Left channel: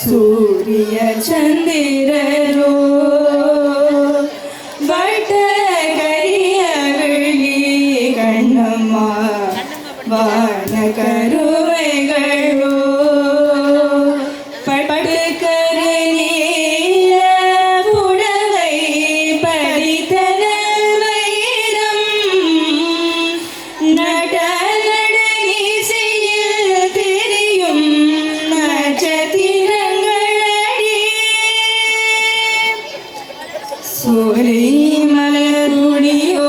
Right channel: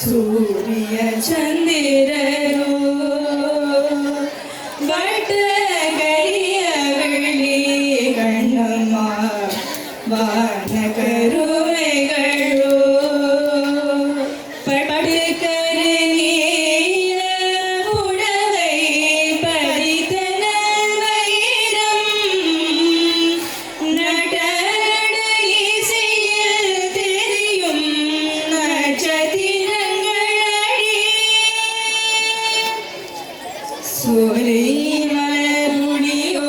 சூரிய சந்திரரோ வட்டகரிய வெள்ளி கண்ணம்மா வான கருமைகளோ பட்டுக்கரு நீல புடவை பதித்தன வைரம் நடனீசையில் தெரியும் நட்சத்திரங்களடி சோலை மலருடியோ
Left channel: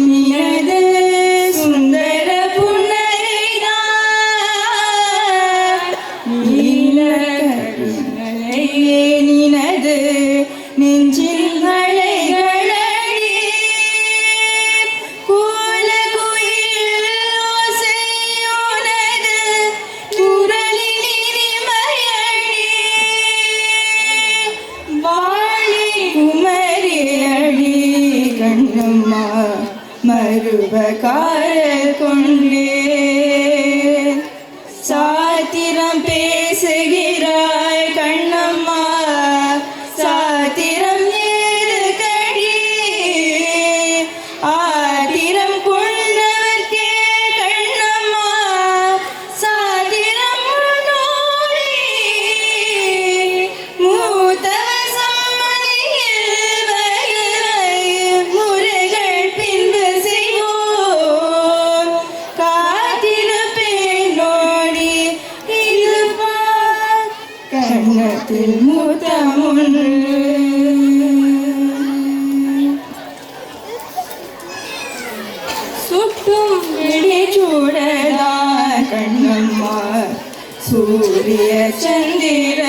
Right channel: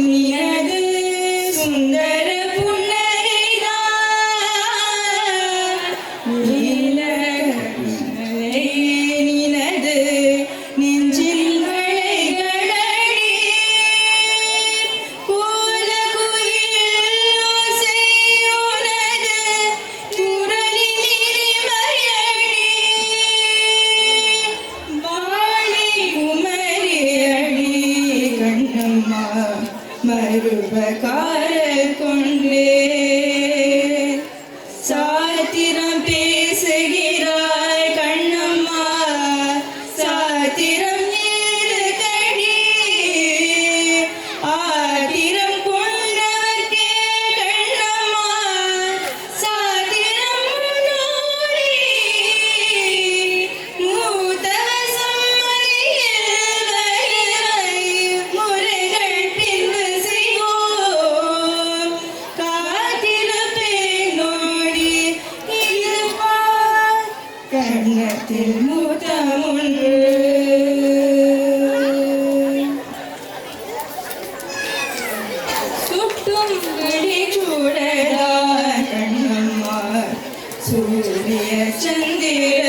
நினது சுந்தர புன்னகைதான் நீலக்கருணையே நினது நெஞ்சில் மழைகளடி கோலகுயில் ஓசையுனது குரலின் இனிமையடி வாழி குமரியடி கண்ணம்மா மருவகாரர் கொண்டே சாத்திரம் பேசுகிறாய் கண்ணம்மா சாத்திரம் ஏறுகடி ஆத்திரம் கொண்டவர்க்கே கண்ணம்மா சாத்திரம் நூறி மூத்தவர் சம்மதியில் வயவை முறைகள் பின்பு செய்வோம் காத்திருப்பேன் நோடி இது பார் கண்ணத்தில் மூத்தமொன்று சுட்டும் விழிச்சூடலா கண்ணம்மா சூரிய சந்திர